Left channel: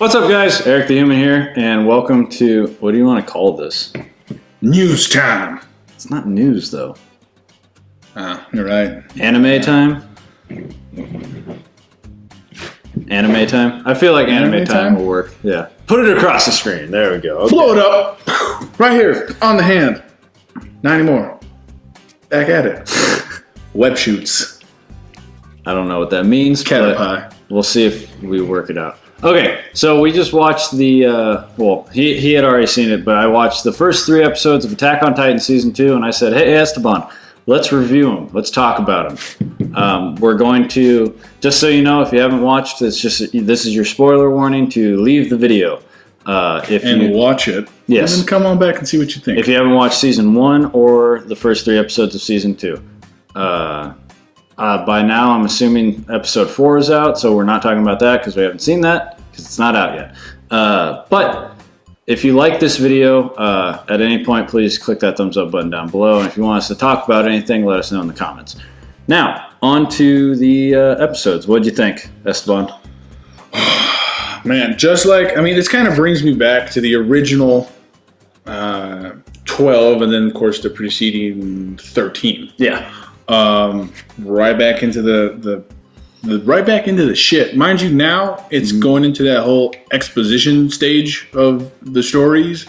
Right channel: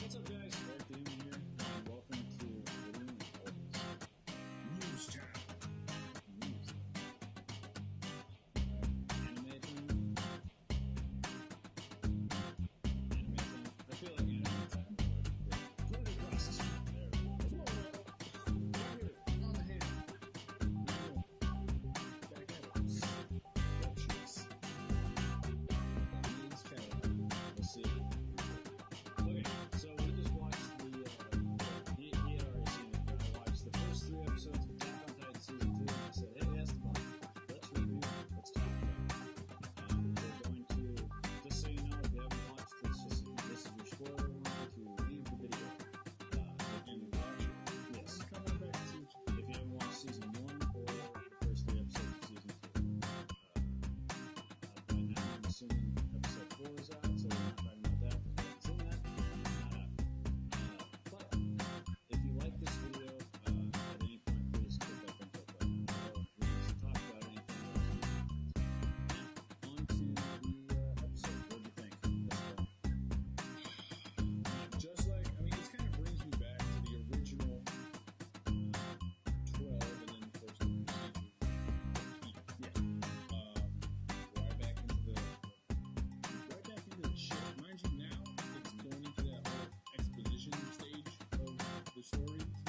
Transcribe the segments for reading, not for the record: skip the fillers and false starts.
What's up, guys? Eric the Human here, and welcome to, what do you want to call this? News time. It's not news, though. You're right. Anime time? Anime time? I feel like anime time will work. Yeah. Put it across the screen. There we go. Okay. Blow it up. Right here, on the hand. Not anymore. Back at it. Web shoots. I don't know what that means, Cat but pie. we'll see if we work it out. Okay, so we just watched the, he had already seen it, but I watched the first 3 episodes of Attack on Titan Season 2, and I said, hey, Esteban, let's review them. Let's talk about them. We're going to, just so you know, if you haven't watched, this is your spoiler warning to leave the video. Watch it. Yes. And then come on back and see what you think. If you haven't watched Season 1 or the first 3 episodes of Season 2. By now, I'm assuming episode 4 is out, so we're not talking about that because we haven't seen that because it's not out yet. But if you like this video, at any point, please click that thumbs up button down below. And if you want us to talk about anything, let us know in the comments. Now, on to the episodes. What'd you think, Esteban? Man, this kind of brings me back to the original 12 and then, of course, the preceding 13. Yeah. Right back into the right back into the shit. Mind you, now it's going into that whole exposition stage of the stories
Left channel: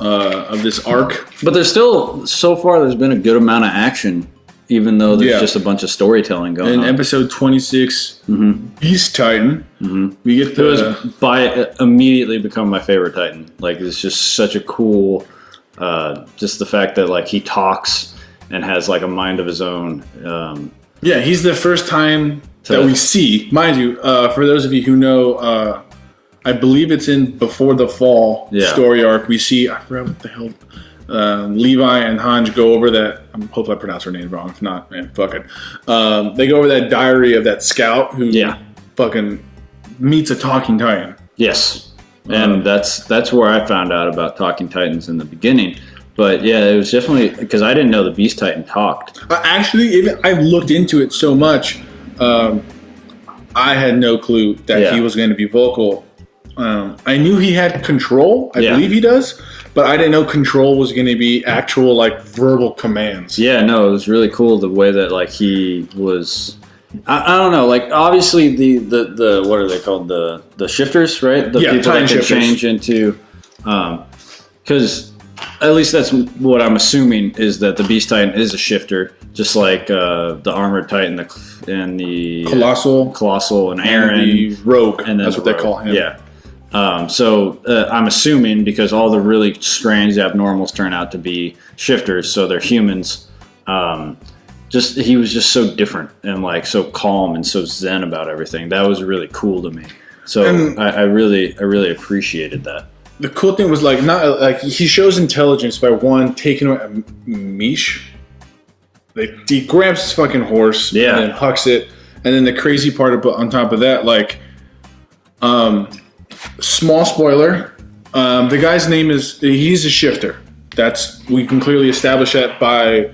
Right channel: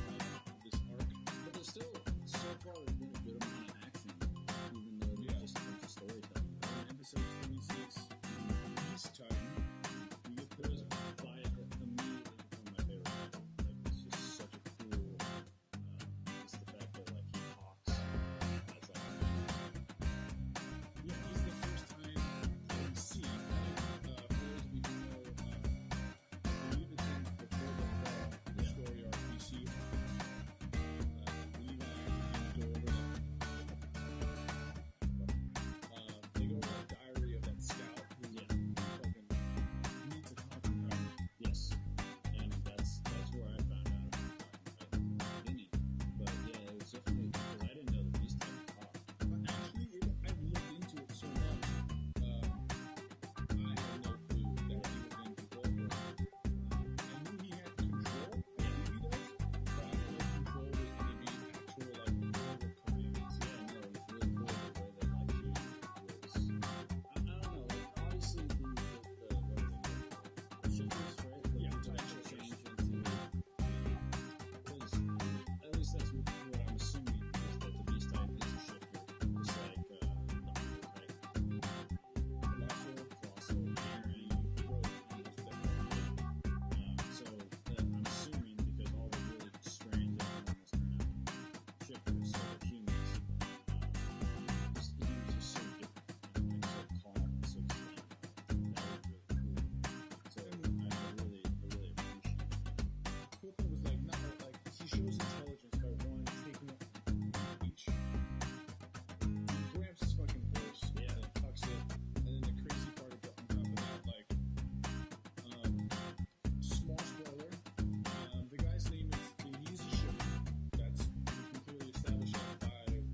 of this arc. But there's still, so far, there's been a good amount of action, even though there's just a bunch of storytelling going on. In episode 26, Beast Titan, we get immediately become my favorite Titan. Like, it's just such a cool, just the fact that like he talks and has like a mind of his own. Yeah, he's the first time that we see, mind you, for those of you who know, I believe it's in Before the Fall story arc, we see, I forgot what the hell, Levi and Hanj go over that, hopefully I pronounced her name wrong, if not, man, fuck it. They go over that diary of that scout who fucking meets a talking Titan. Yes, and that's where I found out about talking Titans in the beginning. But yeah, it was definitely, because I didn't know the Beast Titan talked. Actually, I've looked into it so much, I had no clue that he was going to be vocal. I knew he had control. I believe he does. But I didn't know control was going to be actual, like, verbal commands. Yeah, no, it was really cool the way that, like, he was... I don't know, like, obviously the what are they called? The shifters, right? The people that can change into... Because... At least that's what I'm assuming, is that the Beast Titan is a shifter, just like the Armored Titan and the Colossal and Eren. And the Rogue, and that's what they call him. Yeah. So I'm assuming, because all the really strange abnormals turn out to be shifters, so they're humans. He was just so different and like so calm and so zen about everything. That was really cool to me. So I really appreciated that. The cool thing was he shows intelligence by taking away Mish. He grabs his fucking horse and then hucks it. And then the crazy part on top of that, small spoiler, the guy's name he's a shifter. We can clearly establish that by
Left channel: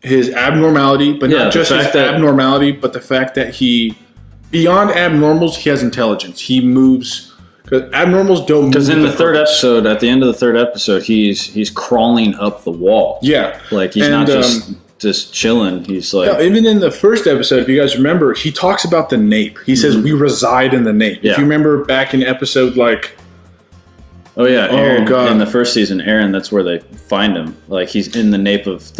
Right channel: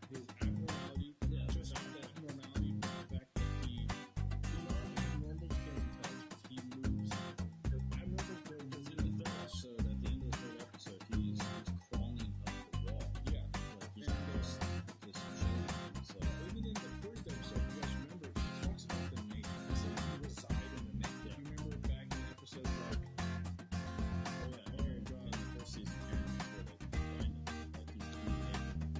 his abnormality, but not just his abnormality, but the fact that beyond abnormals, he has intelligence. He moves. Because abnormals don't move. Because in the third episode, at the end of the third episode, he's crawling up the wall. Yeah. Like, he's not just chilling. He's like... Yeah, even in the first episode, if you guys remember, he talks about the nape. He says, we reside in the nape. Yeah. If you remember back in episode, Oh, yeah. Eren, in the first season, Eren, that's where they find him. Like, he's in the nape of his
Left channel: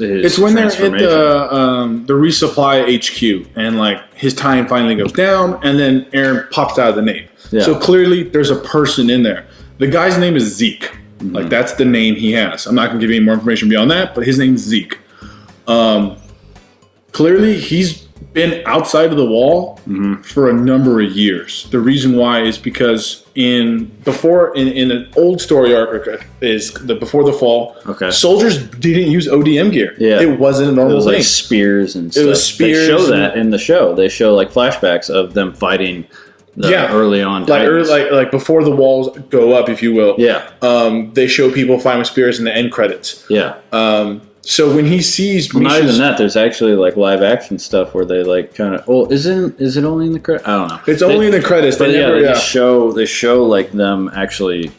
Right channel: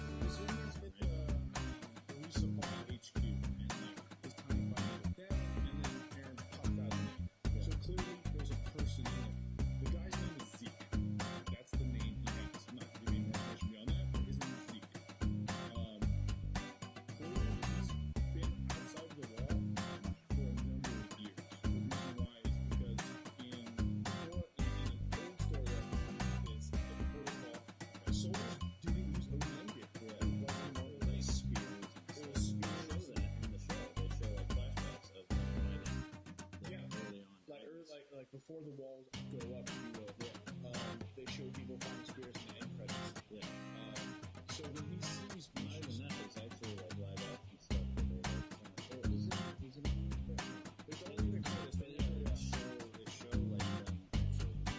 it's when they're at the resupply HQ, and, his time finally goes down, and then Eren pops out of the nape. Yeah. So clearly, there's a person in there. The guy's name is Zeke. That's the name he has. I'm not going to give you any more information beyond that, but his name's Zeke. Clearly, he's been outside of the wall for a number of years. The reason why is because in an old story arc is Before the Fall. Okay. Soldiers didn't use ODM gear. Yeah. It wasn't a normal thing. Like spears and stuff. It was spears. They show that in the show. They show flashbacks of them fighting early on. Like before the walls go up, if you will. Yeah. They show people fighting with spears in the end credits. Yeah. So when he sees Misha's, not even that, there's actually like live action stuff where they like kind of. Oh, is it only in the credits? I don't know. It's only in the credits. But they show like them actually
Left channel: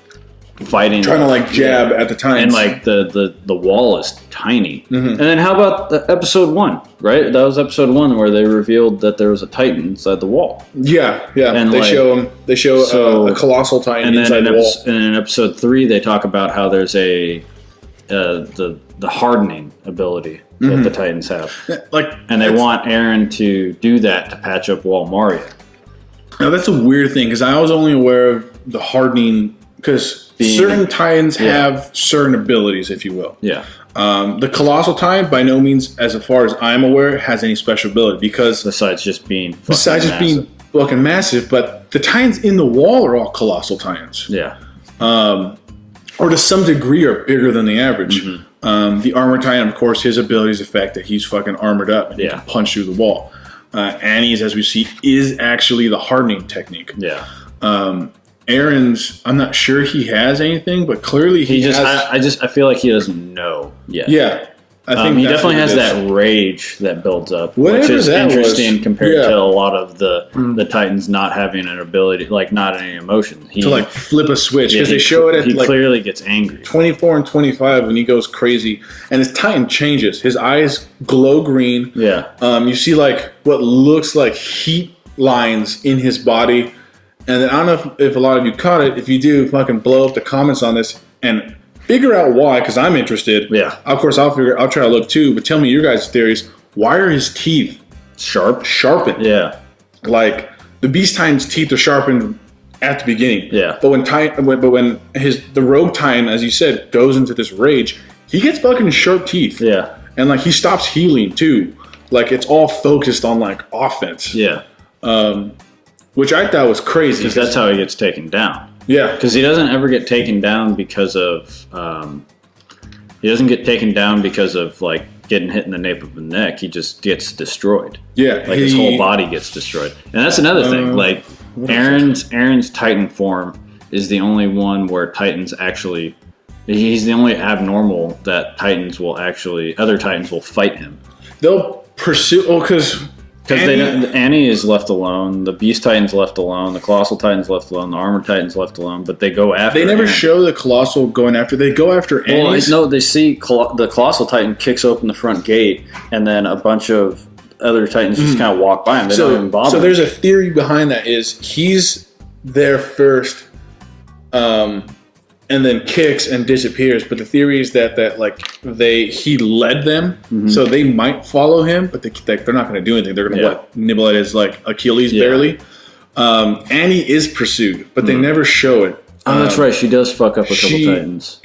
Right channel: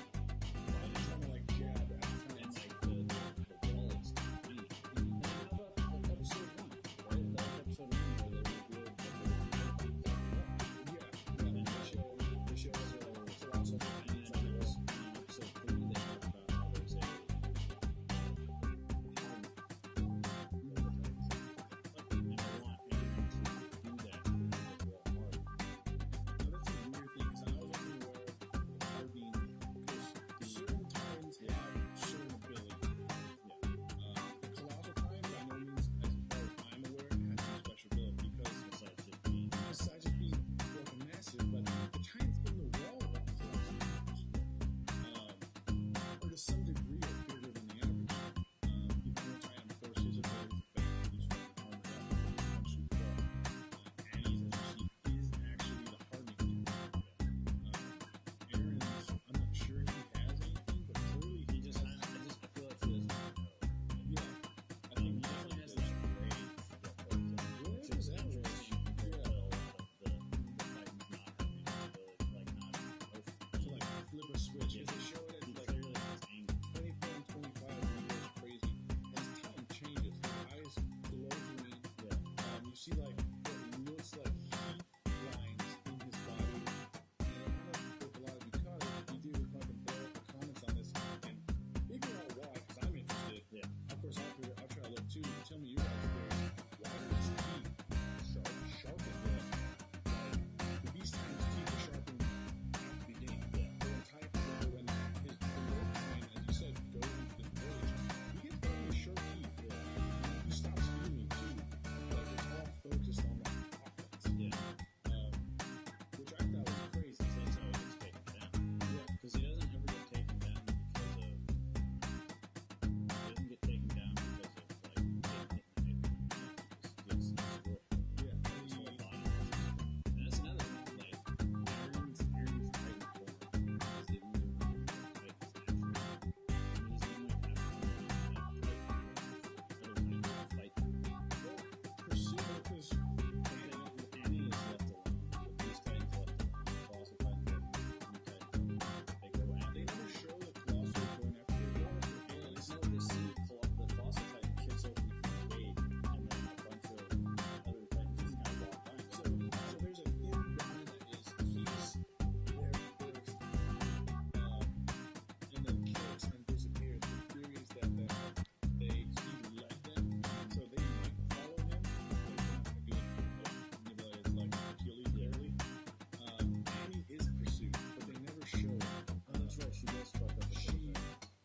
fighting, trying to like jab at the time, and like the wall is tiny. And then how about episode 1? Right, that was episode 1 where they revealed that there was a Titan inside the wall. Yeah. And they show a colossal Titan inside the wall. And in episode 3, they talk about how there's the hardening ability that the Titans have. And they want Eren to do that to patch up Wall Maria. Now that's a weird thing because I was only aware of the hardening because certain Titans have certain abilities, if you will. Yeah. The Colossal Titan, by no means, as far as I'm aware, has any special ability because besides just being fucking massive, but the Titans in the wall are all Colossal Titans. Yeah. Or to some degree are bigger than the average. The Armor Titan, of course, his ability is the fact that he's fucking armored up and he can punch through the wall. Annie's, as we see, is actually the hardening technique. Yeah. Eren's, I'm not sure he has anything, but clearly he has. I feel like he doesn't know yet. Yeah. I think he definitely has that rage that builds up, which is interesting compared to a lot of the Titans not having an ability, like not any emotion. To like flip a switch, because they show it at he clearly gets angry. 24 and 25 when he goes crazy, and his Titan changes. His eyes glow green. Yeah. You see like what looks like heat lines in his body. And then I don't know if a lot of you caught it. If you do, fucking blow up the comments on this and figure out why, because I'm interested. Yeah. Of course, I'll try to look too. But tell me your guys' theories. Why are his teeth sharpened? Yeah. Like the Beast Titan's teeth are sharpened at the beginning. Yeah. But when the Rogue Titan, as you said, goes into this rage, he gets fucking sharp teeth. Yeah. And like he stops healing too. Like it's all focused on like offense. Yeah. Which I thought was crazy. Because that's how he gets taken down. Yeah. Because he doesn't ever get taken down because of... he doesn't get taken down because of, like, getting hit in the nape of the neck. He just gets destroyed. Yeah. Like, his whole body gets destroyed. And that's another thing. Like, Eren's Titan form is the only one where Titans actually... He's the only abnormal that other Titans will fight him. They'll pursue... Oh, because Annie is left alone, the Beast Titan's left alone, the Colossal Titan's left alone, the Armor Titan's left alone, but they go after. They never show the Colossal going after. They go after Annie. No, they see the Colossal Titan kicks open the front gate, and then a bunch of other Titans just kind of walk by him. They don't even bother. So there's a theory behind that. Is he's there first, and then kicks and disappears. But the theory is that he led them, so they might follow him, but they're not going to do anything. They're going to nibble at his like Achilles barely. Annie is pursued, but they never show it. Oh, that's right. She does fuck up a couple Titans.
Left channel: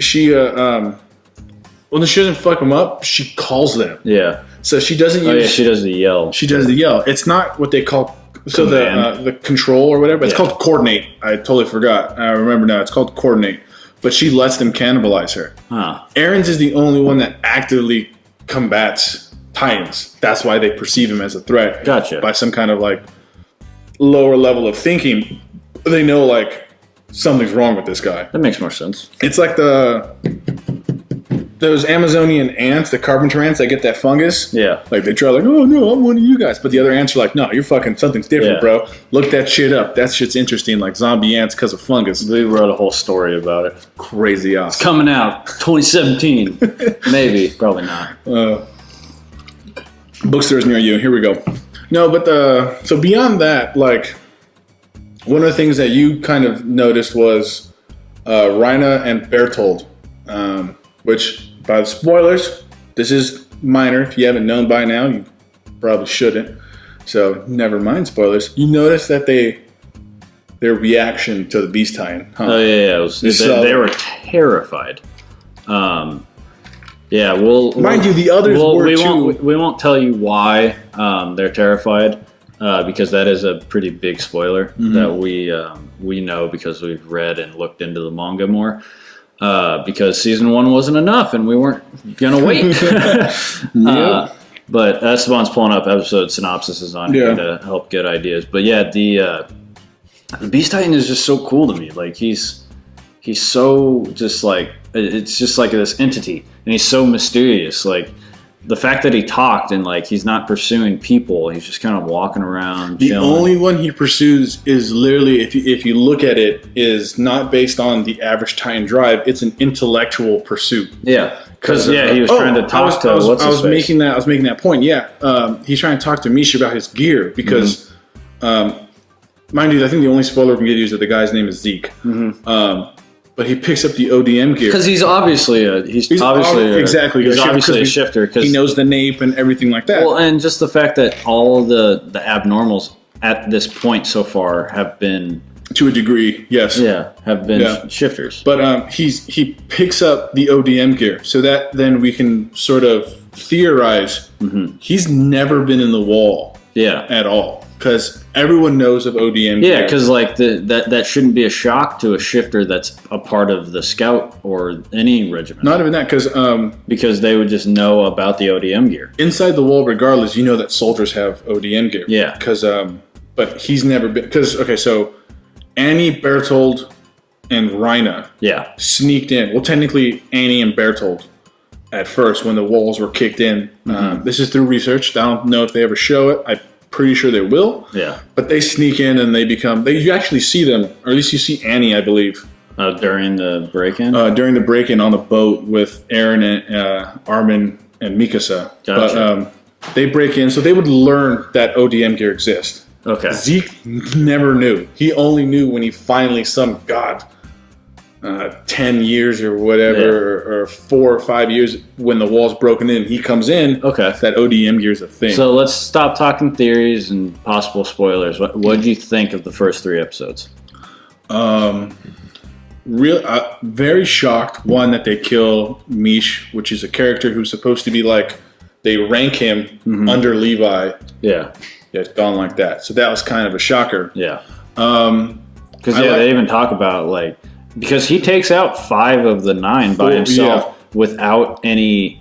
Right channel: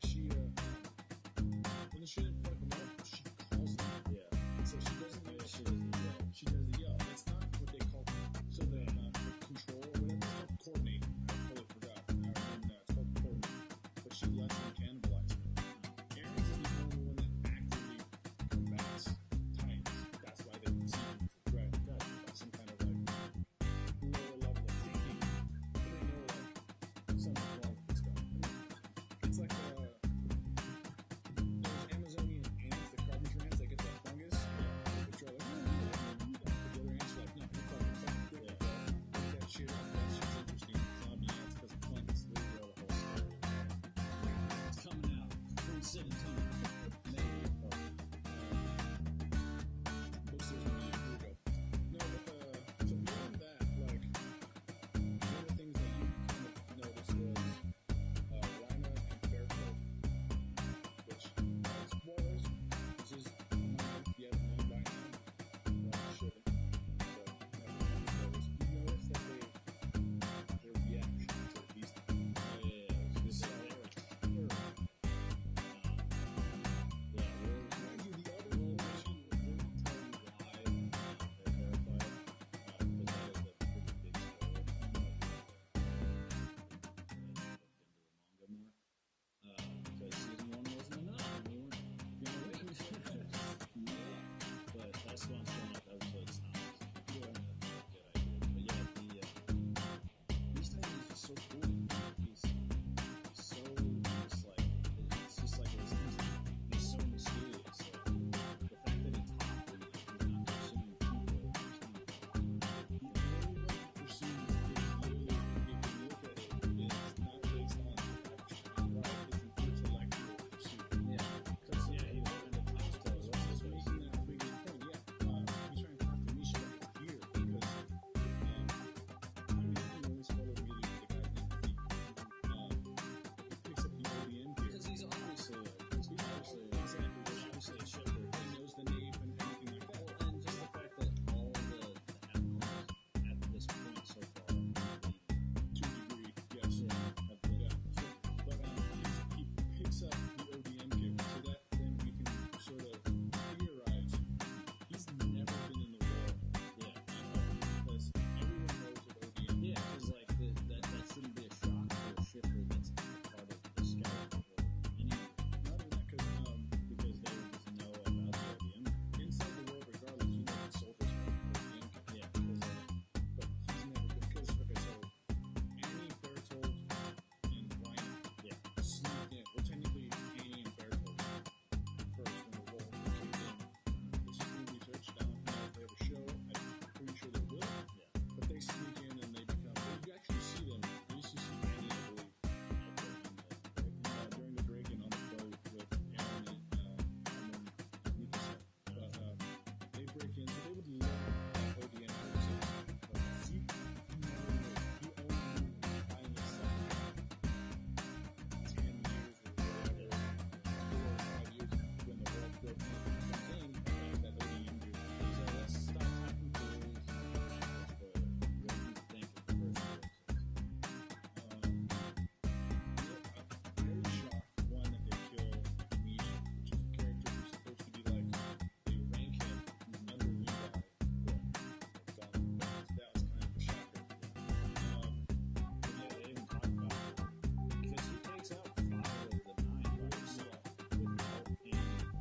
When she doesn't fuck them up, she calls them. Yeah. So she doesn't use... Oh, yeah, she does the yell. She does the yell. It's not what they call... So the control or whatever. It's called coordinate. I totally forgot. I remember now. It's called coordinate. But she lets them cannibalize her. Huh. Eren's is the only one that actively combats Titans. That's why they perceive him as a threat. Gotcha. By some kind of like lower level of thinking. They know like something's wrong with this guy. That makes more sense. It's like those Amazonian ants, the carpenter ants that get that fungus. Yeah. Like they try like, oh no, I'm one of you guys. But the other ants are like, no, you're fucking something's different, bro. Look that shit up. That shit's interesting, like zombie ants because of fungus. We wrote a whole story about it. Crazy awesome. It's coming out 2017. Maybe. Probably not. Bookstores near you. Here we go. No, but so beyond that, like one of the things that you kind of noticed was Rhina and Bertold, which by the spoilers, this is minor. If you haven't known by now, you probably shouldn't. So never mind spoilers. You notice that their reaction to the Beast Titan. Huh? Oh yeah. They were terrified. Yeah, mind you, the others were too. We won't tell you why they're terrified because that is a pretty big spoiler that we know because we've read and looked into the manga more. Because season 1 wasn't enough and we weren't gonna wait. But Esteban's pulling up episode synopsises on here to help get ideas. But yeah, the Beast Titan is just so cool to me. Like he's he's so just like, it's just like this entity, and he's so mysterious. Like the fact that he talked and like he's not pursuing people, he's just kind of walking around. The chilling. only one he pursues is literally, if you look at it, is not based on the average Titan drive. It's an intellectual pursuit. Yeah, because he was trying to talk to. I was making that point. Yeah, he's trying to talk to Misha about his gear because, mind you, I think the only spoiler we can give you is that the guy's name is Zeke. But he picks up the ODM gear because he's obviously a shifter because he knows the nape and everything like that. Well, and just the fact that all the abnormals at this point so far have been, to a degree, yes, have been shifters. But he picks up the ODM gear, so that then we can sort of theorize he's never been in the wall at all. Because everyone knows of ODM gear. Yeah, because like that shouldn't be a shock to a shifter that's a part of the scout or any regiment. Not even that, because they would just know about the ODM gear. Inside the wall, regardless, you know that soldiers have ODM gear. Yeah. Because but he's never been. Because so Annie, Bertold, and Rhina sneaked in. Well, technically Annie and Bertold at first when the walls were kicked in. This is through research. I don't know if they ever show it. Pretty sure they will. Yeah. But they sneak in and you actually see them, or at least you see Annie, I believe. During the break-in? During the break-in on the boat with Aaron and Armin and Mikasa. Gotcha. But they break in, so they would learn that ODM gear exists. Okay. Zeke never knew. He only knew when he finally, 10 years or whatever, or 4 or 5 years when the wall's broken in, he comes in. Okay. That ODM gear is a thing. So let's stop talking theories and possible spoilers. What did you think of the first 3 episodes? Very shocked. One, that they kill Mish, which is a character who's supposed to be like, they rank him under Levi. Yeah. It's gone like that. So that was kind of a shocker. Yeah. Because they even talk about like, because he takes out 5 of the 9 by himself without any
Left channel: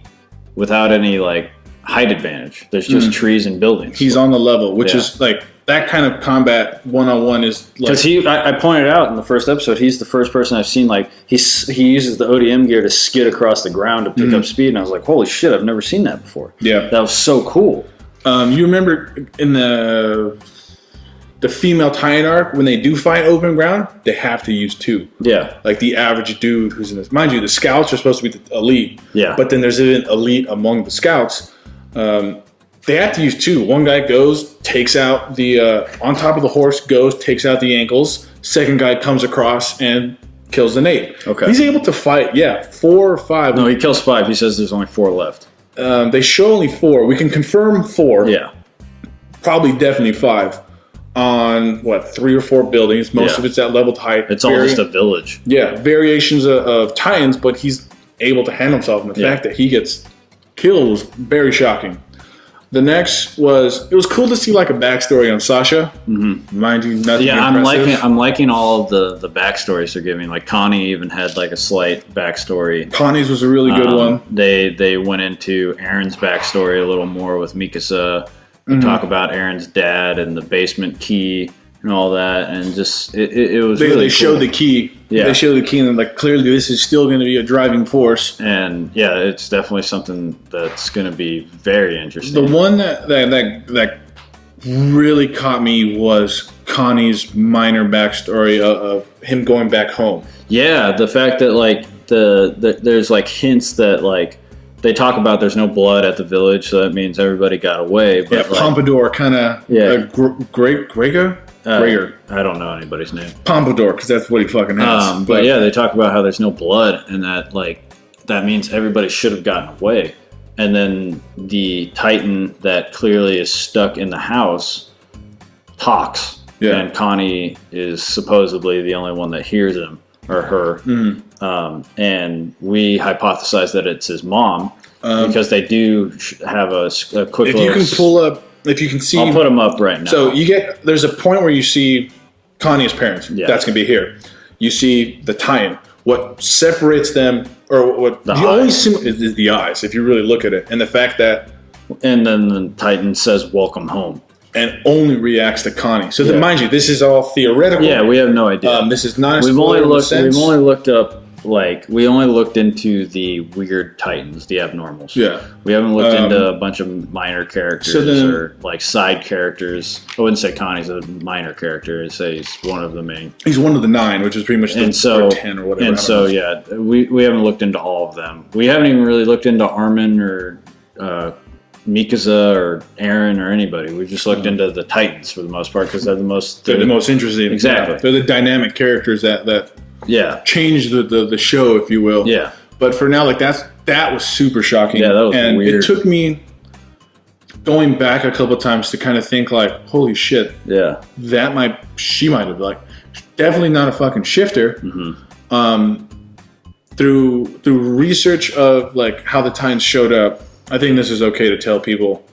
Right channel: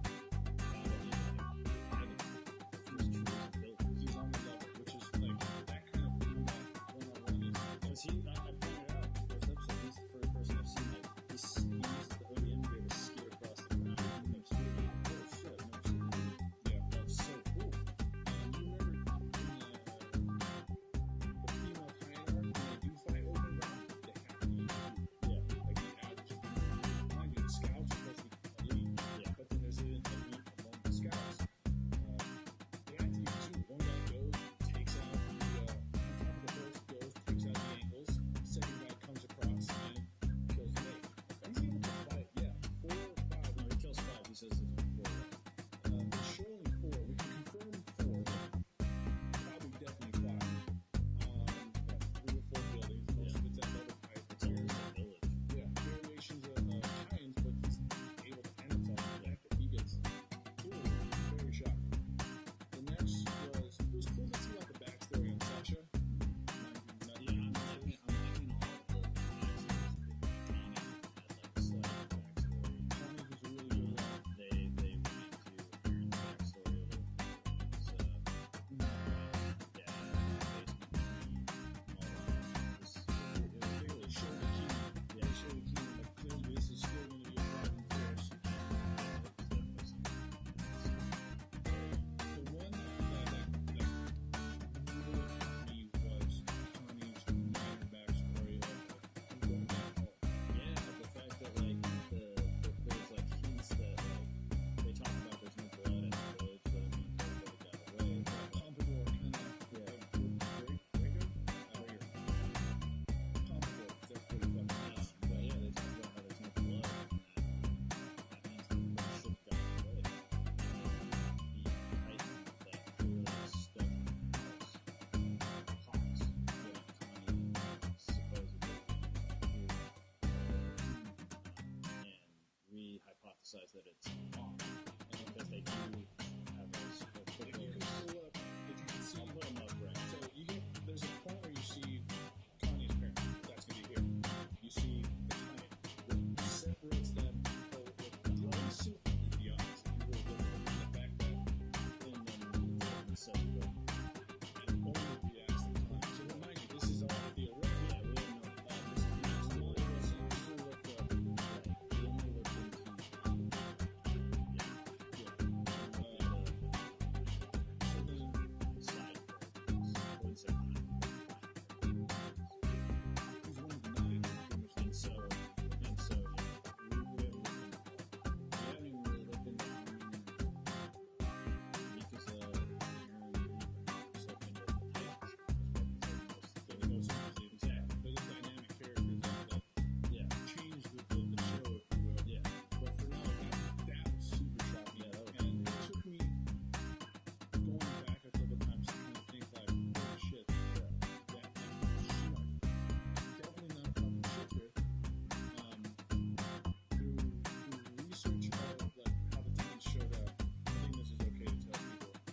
like height advantage. There's just trees and buildings. He's on the level, which is like that kind of combat one-on-one is like. Because I pointed out in the first episode, he's the first person I've seen like he uses the ODM gear to skid across the ground to pick up speed, and I was like, holy shit, I've never seen that before. Yeah, that was so cool. You remember in the female Titan arc, when they do fight open ground, they have to use 2. Yeah. Like the average dude who's in this. Mind you, the scouts are supposed to be the elite. Yeah. But then there's an elite among the scouts. They have to use 2. One guy goes, takes out the, on top of the horse, takes out the ankles. Second guy comes across and kills the nape. Okay. He's able to fight, 4 or 5. No, he kills 5. He says there's only 4 left. They show only 4. We can confirm 4. Yeah. Probably definitely 5. On 3 or 4 buildings. Most of it's at leveled height. It's all just a village. Yeah, variations of Titans, but he's able to handle himself. And the fact that he gets killed was very shocking. The next it was cool to see like a backstory on Sasha. Mind you, nothing. Yeah, I'm liking all of the backstories they're giving. Like Connie even had like a slight backstory. Connie's was a really good one. They went into Aaron's backstory a little more with Mikasa. Talk about Aaron's dad and the basement key and all that, and just it was. They showed the key. Yeah, they showed the key, and like clearly this is still going to be a driving force. And yeah, it's definitely something that's going to be very interesting. The one that really caught me was Connie's minor backstory of him going back home. Yeah, the fact that like there's like hints that like. They talk about there's no blood at the village, so that means everybody got away. But like, Pompadour kind of... Gregor? I don't know anybody's name. Pompadour, because that's what he fucking has. But yeah, they talk about how there's no blood, and that like that means everybody should have gotten away. And then the Titan that clearly is stuck in the house talks, and Connie is supposedly the only one that hears him. Or her, and we hypothesize that it's his mom because they do have a quick. If you can pull up, if you can see, I'll put them up right now. So there's a point where you see Connie's parents. Yeah. That's gonna be here. You see the Titan. What separates them, or what the only is the eyes. If you really look at it, and the fact that, and then the Titan says, "Welcome home." and only reacts to Connie. So mind you, this is all theoretical. Yeah, we have no idea. This is not. We've only looked up. Like, we only looked into the weird Titans, the abnormals. Yeah. We haven't looked into a bunch of minor characters or, like, side characters. I wouldn't say Connie's a minor character. I'd say he's one of the main. He's one of the 9, which is pretty much the 10 or whatever. And so, yeah, we haven't looked into all of them. We haven't even really looked into Armin or Mikasa or Eren or anybody. We've just looked into the Titans for the most part because they're the most interesting. Exactly. Yeah. They're the dynamic characters that change the show, if you will. Yeah. But for now, like that was super shocking. Yeah, that was weird. It took me going back a couple of times to kind of think like, holy shit. Yeah. She might have like definitely not a fucking shifter. Mm-hmm. Through research of like how the Titans showed up, I think this is okay to tell people.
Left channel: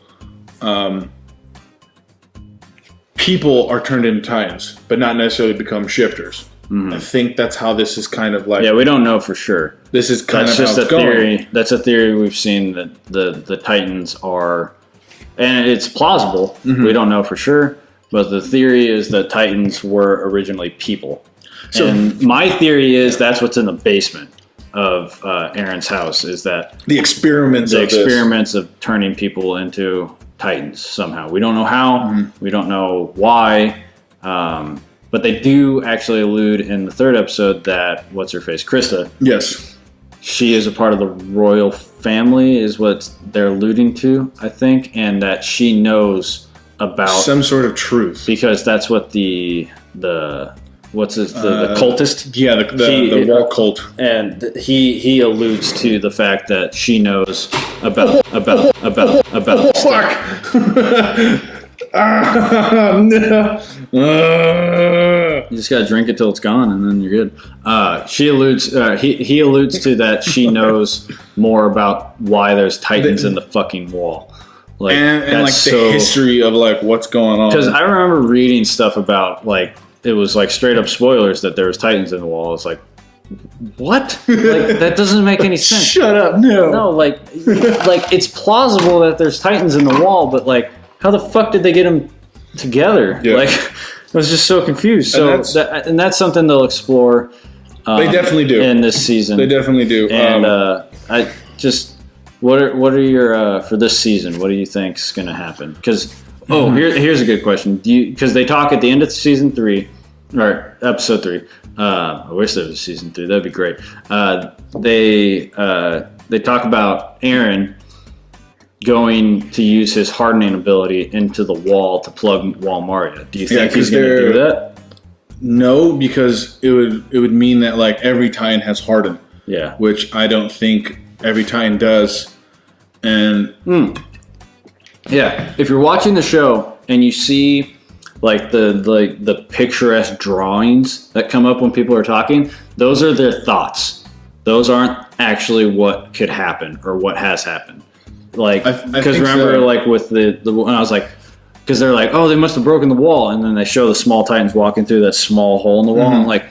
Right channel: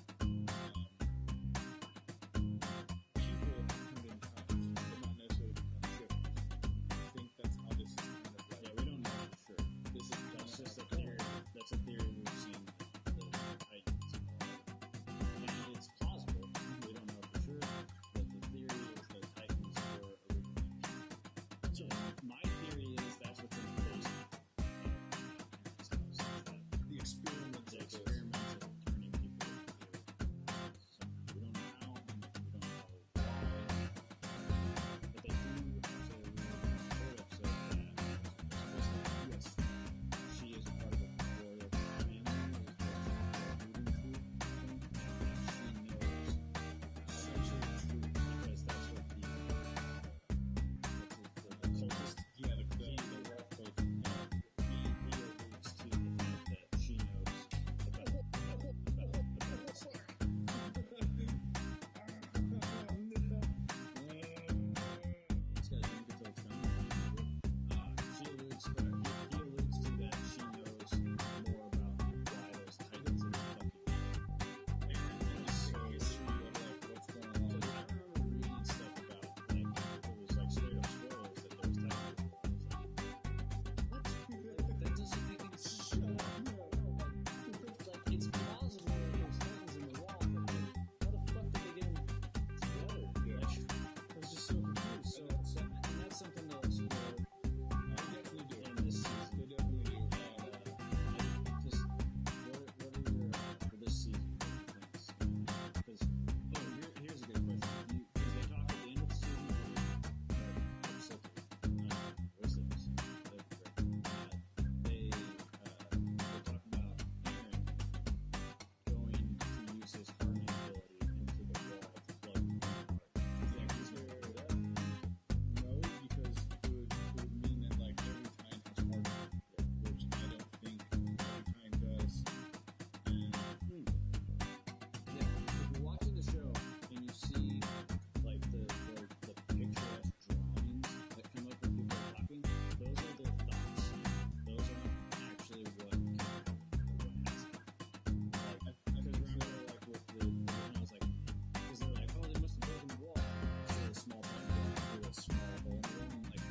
People are turned into Titans, but not necessarily become shifters. Mm-hmm. I think that's how this is kind of like. Yeah, we don't know for sure. This is kind of just how it's going. Theory. That's a theory we've seen that the Titans are, and it's plausible. Mm-hmm. We don't know for sure, but the theory is that Titans were originally people. So, and my theory is that's what's in the basement of Eren's house. Is that the experiments of turning people into Titans somehow. We don't know how. Mm-hmm. We don't know why. But they do actually allude in the 3rd episode that what's-her-face, Krista. Yes. She is a part of the royal family, is what they're alluding to, I think, and that she knows about some sort of truth because that's what the cultist. Yeah, the wall cult, and he alludes to the fact that she knows about. Fuck. No. You just gotta drink it till it's gone, and then you're good. She alludes. He alludes to that she knows more about why there's Titans in the fucking wall, like and like the history of like what's going on. Because I remember reading stuff about like it was like straight up spoilers that there was Titans in the wall. It's like, what? Like that doesn't make any sense. Shut up! No, like it's plausible that there's Titans in the wall, but like. How the fuck did they get them together? Yeah. Like, I was just so confused. And that's something they'll explore. They definitely do in this season. They definitely do. And I just, what are your for this season? What do you think's going to happen? Because here's a good question. Because they talk at the end of season 3 or episode 3. I wish there was a season 3. That'd be great. They talk about Eren going to use his hardening ability into the wall to plug Wall Maria. Do you think he's going to do that? No, because it would mean that like every Titan has hardened. Yeah. Which I don't think every Titan does. And yeah, if you're watching the show and you see like the picturesque drawings that come up when people are talking, those are their thoughts. Those aren't actually what could happen or what has happened. Like, because remember, like with the when I was like, because they're like, oh, they must have broken the wall, and then they show the small Titans walking through that small hole in the wall. Mm-hmm. I'm like,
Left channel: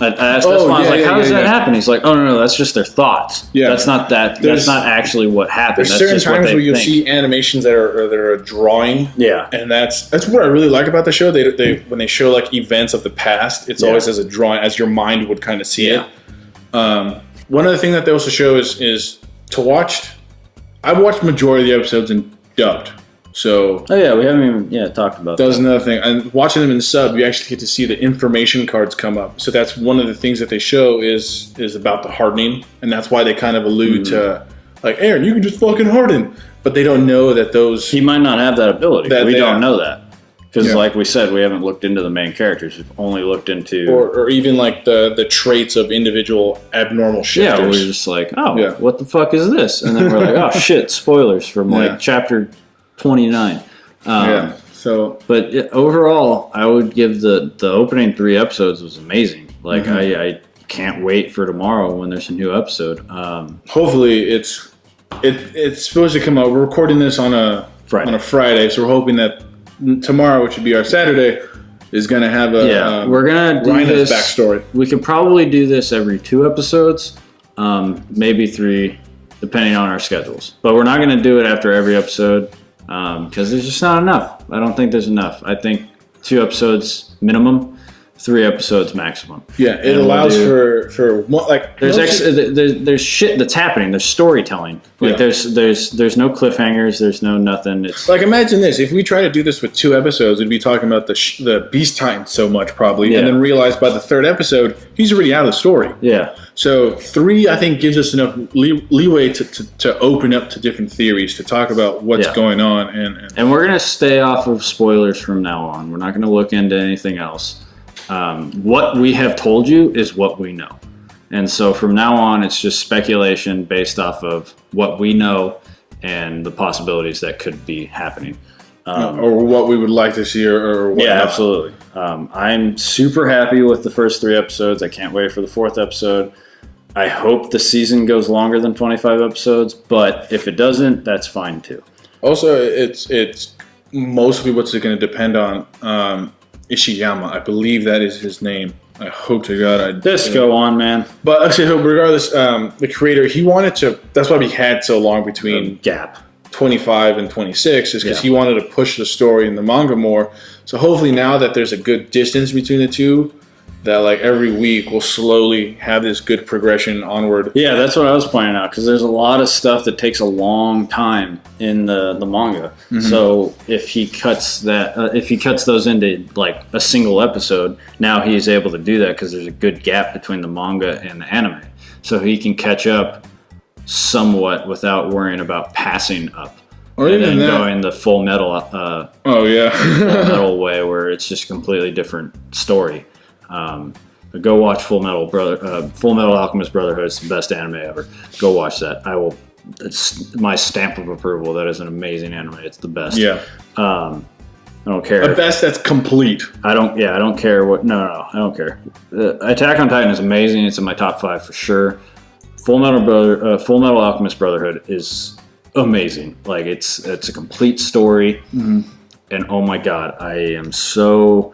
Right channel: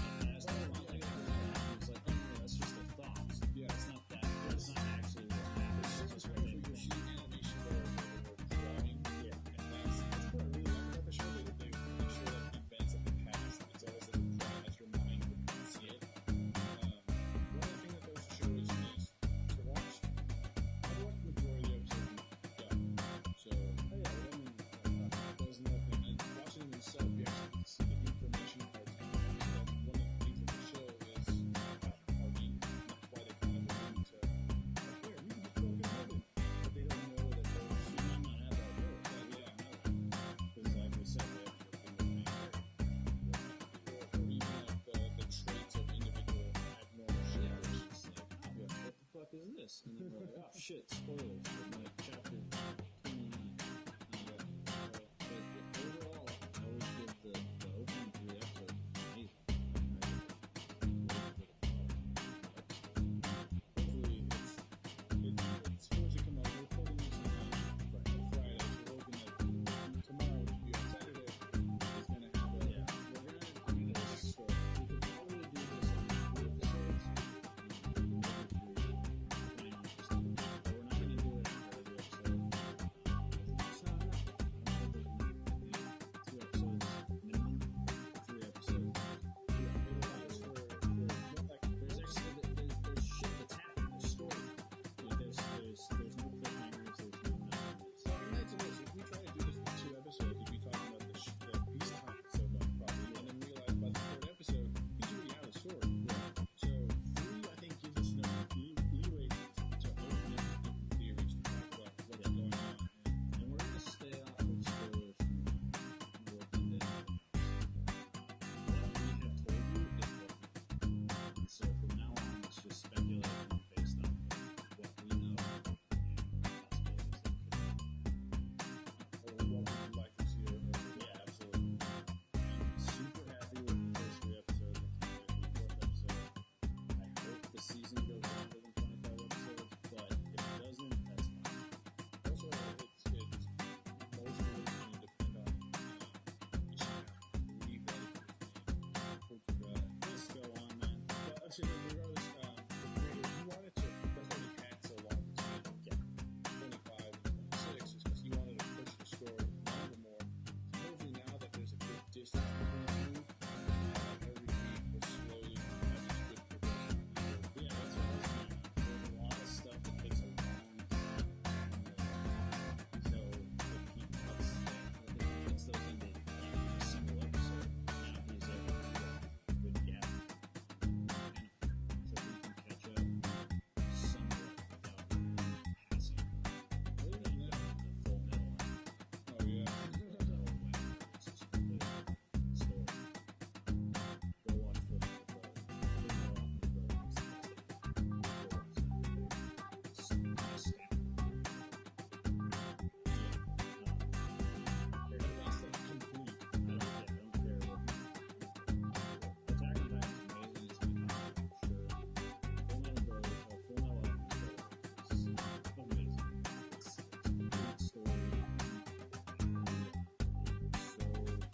I asked Espan, I was like, how does that happen? He's like, oh no, that's just their thoughts. Yeah, that's not that. That's not actually what happened. There's that's certain times where you'll see animations that are a drawing. Yeah, and that's what I really like about the show. They when they show like events of the past, it's always as a drawing, as your mind would kind of see it. One other thing that they also show is to watch. I've watched majority of the episodes in dubbed. So we haven't even talked about that. That was another thing. And watching them in sub, you actually get to see the information cards come up. So that's one of the things that they show is about the hardening, and that's why they kind of allude to like, Eren, you can just fucking harden. But they don't know that those he might not have that ability. We don't know that. Because like we said, we haven't looked into the main characters. We've only looked into or even like the traits of individual abnormal shifters. Yeah, we're just like, what the fuck is this? And then we're like, oh shit, spoilers from like chapter 29. But overall, I would give the opening 3 episodes was amazing. Like I can't wait for tomorrow when there's a new episode. Hopefully it's supposed to come out. We're recording this on a Friday, so we're hoping that tomorrow, which would be our Saturday, is going to have we're going to do this backstory. We could probably do this every 2 episodes, maybe 3, depending on our schedules. But we're not going to do it after every episode. because there's just not enough. I don't think there's enough. I think 2 episodes minimum, 3 episodes maximum. Yeah, it allows for like there's shit that's happening. There's storytelling. Like there's no cliffhangers. There's no nothing. It's like, imagine this: if we try to do this with 2 episodes, we'd be talking about the Beast Titan so much probably, and then realize by the 3rd episode he's already out of the story. Yeah. So 3, I think, gives us enough leeway to open up to different theories, to talk about what's going on, and we're gonna stay off of spoilers from now on. We're not gonna look into anything else. What we have told you is what we know. And so from now on, it's just speculation based off of what we know and the possibilities that could be happening. Or what we would like to see or what. Yeah, absolutely. I'm super happy with the first 3 episodes. I can't wait for the 4th episode. I hope the season goes longer than 25 episodes, but if it doesn't, that's fine too. Also, it's mostly what's it going to depend on. Ishiyama, I believe that is his name. I hope to God I just go on, man. But actually, regardless, the creator, he wanted to. That's why we had so long between gap 25 and 26, is because he wanted to push the story in the manga more. So hopefully, now that there's a good distance between the two, that like every week we'll slowly have this good progression onward. Yeah, that's what I was pointing out, because there's a lot of stuff that takes a long time in the manga. Mm-hmm. So if he cuts those into like a single episode, now he's able to do that because there's a good gap between the manga and the anime. So he can catch up somewhat without worrying about passing up. Or and then going the Full Metal Full Metal way, where it's just a completely different story. Go watch Full Metal Alchemist Brotherhood. It's the best anime ever. Go watch that. It's my stamp of approval. That is an amazing anime. It's the best. Yeah. I don't care. The best that's complete. I don't care what. No, I don't care. Attack on Titan is amazing. It's in my top 5 for sure. Full Metal Alchemist Brotherhood is amazing. Like it's a complete story. Mm-hmm. And oh my God, I am so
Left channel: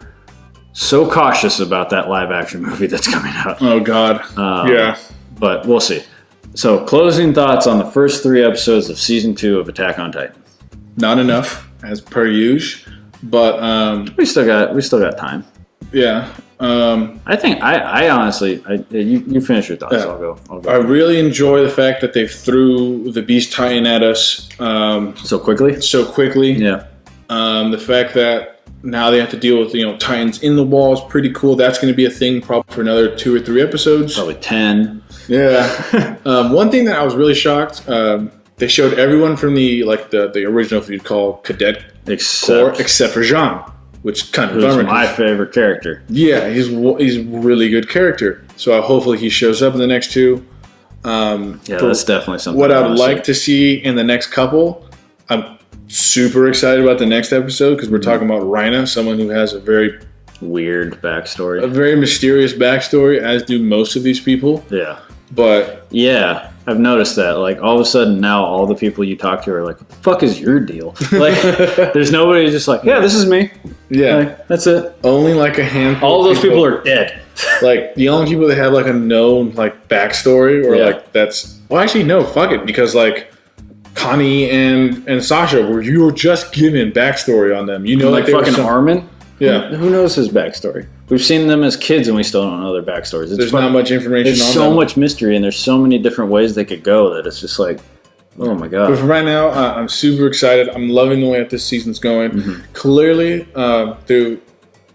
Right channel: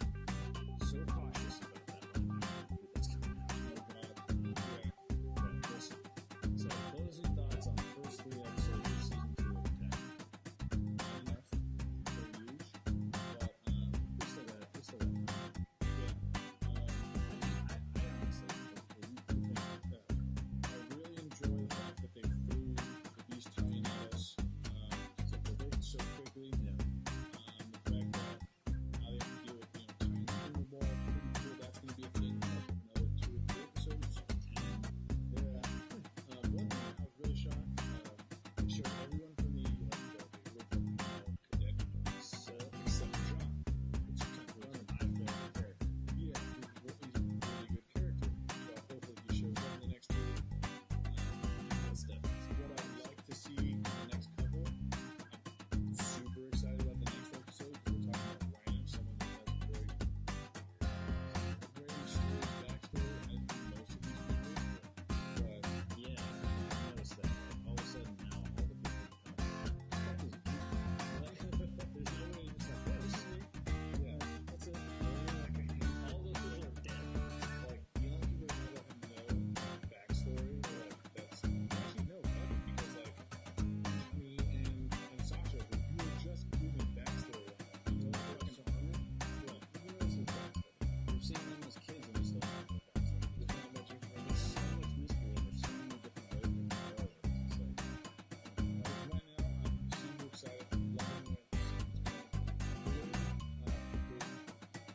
cautious about that live action movie that's coming out. Oh God. Yeah. But we'll see. So closing thoughts on the first 3 episodes of season 2 of Attack on Titan. Not enough, as per usual, but we still got time. Yeah. I think I honestly you finish your thoughts. Yeah. I'll go. I really enjoy the fact that they threw the Beast Titan at us so quickly. Yeah. The fact that now they have to deal with Titans in the wall is pretty cool. That's going to be a thing probably for another 2 or 3 episodes. Probably 10. Yeah. One thing that I was really shocked. They showed everyone from the original, if you'd call Cadet Corps, except for Jean, which kind of bummed me. My favorite character. Yeah, he's a really good character. So hopefully he shows up in the next 2. That's definitely something. What I'd like to see in the next couple, I'm super excited about the next episode because we're talking about Rhina, someone who has a very weird backstory, a very mysterious backstory, as do most of these people. Yeah. But yeah, I've noticed that. Like all of a sudden now, all the people you talk to are like, "What the fuck is your deal?" Like, there's nobody just like, "Yeah, this is me." Yeah, like, that's it. Only like a handful. All of those people are dead. Like the only people that have like a known like backstory or like that's actually no, fuck it, because like Connie and Sasha, where you were just given backstory on them. Like fucking Armin. Yeah. Who knows his backstory? We've seen them as kids and we still don't know their backstories. There's not much information on them. There's so much mystery and there's so many different ways they could go that it's just like, oh my God. But for right now, I'm super excited. I'm loving the way that this season's going. Mm-hmm. Clearly, through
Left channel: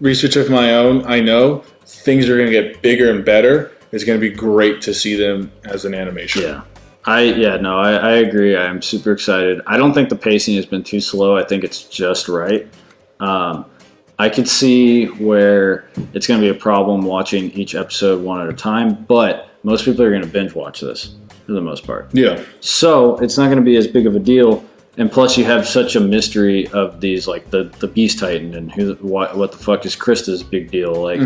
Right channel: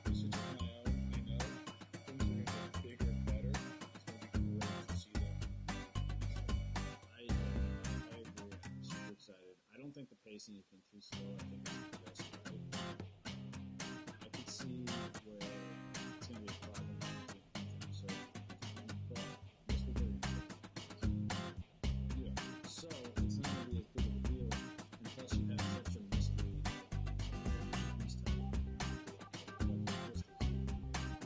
research of my own, I know things are going to get bigger and better. It's going to be great to see them as an animation. Yeah. I agree. I'm super excited. I don't think the pacing has been too slow. I think it's just right. I could see where it's going to be a problem watching each episode one at a time, but most people are going to binge watch this for the most part. Yeah. So it's not going to be as big of a deal. And plus you have such a mystery of these, like the Beast Titan and what the fuck is Krista's big deal? Like,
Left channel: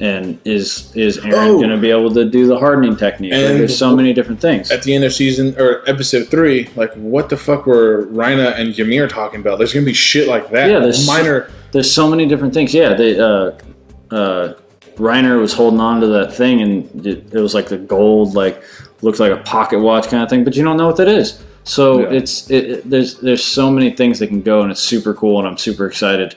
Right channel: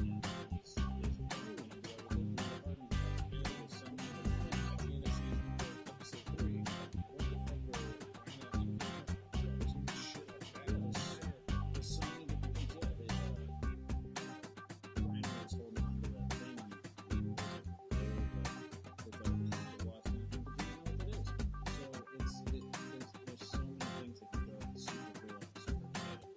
and is Eren going to be able to do the hardening technique? Like, there's so many different things. At the end of season or episode 3, like what the fuck were Rhina and Ymir talking about? There's going to be shit like that. Yeah, there's so many different things. Yeah, Reiner was holding on to that thing and it was like the gold, like looks like a pocket watch kind of thing, but you don't know what that is. So there's so many things that can go, and it's super cool, and I'm super excited.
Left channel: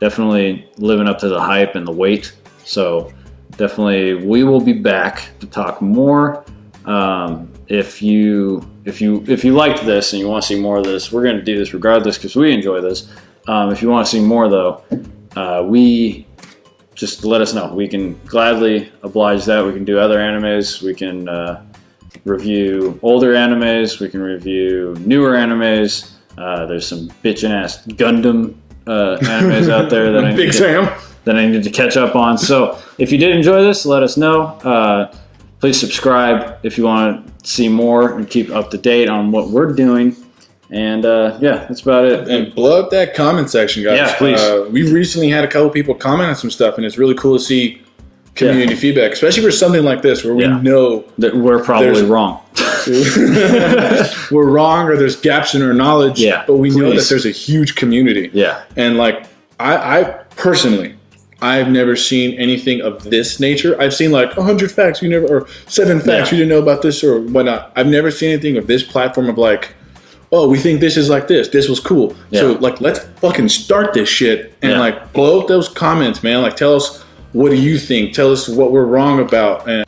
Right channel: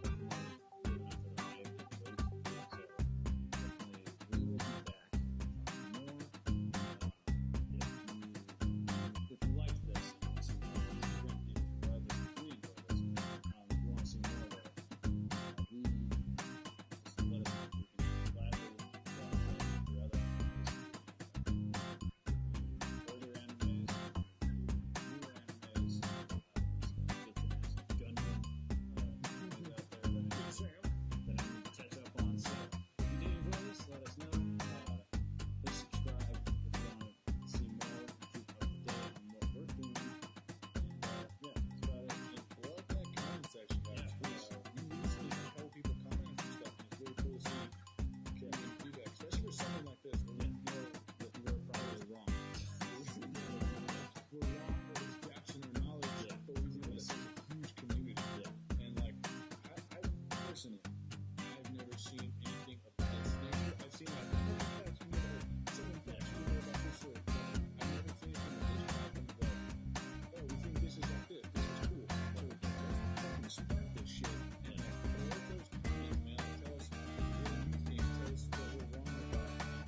Definitely living up to the hype and the wait. So definitely we will be back to talk more. If you liked this and you want to see more of this, we're going to do this regardless because we enjoy this. If you want to see more though, we just let us know. We can gladly oblige that. We can do other animes. We can review older animes. We can review newer animes. There's some bitchin' ass Gundam animes out there that I need to catch up on. So if you did enjoy this, let us know. Please subscribe if you want to see more and keep up to date on what we're doing. And that's about it. And blow up that comment section, guys. Yeah, please. We recently had a couple people comment on some stuff, and it's really cool to see community feedback, especially for something like this where we know that we're probably wrong. We're wrong, or there's gaps in our knowledge. Yeah, but we know that there's a huge community. Yeah, and like I personally, I've never seen anything of this nature. I've seen like 100 facts or 7 facts you didn't know about this or whatnot. I've never seen anything of this platform of like, oh, we think this is like this. This was cool. Yeah. So like, let's fucking start this shit and like blow up those comments, man. Like, tell us, what do you think? Tell us what we're wrong about. And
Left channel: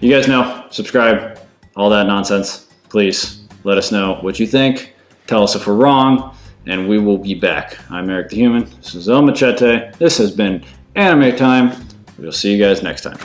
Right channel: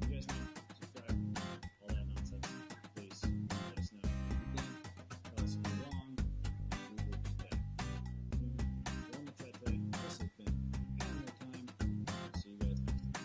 you guys know, subscribe, all that nonsense. Please let us know what you think. Tell us if we're wrong, and we will be back. I'm Eric the Human. This is El Machete. This has been Anime Time. We'll see you guys next time.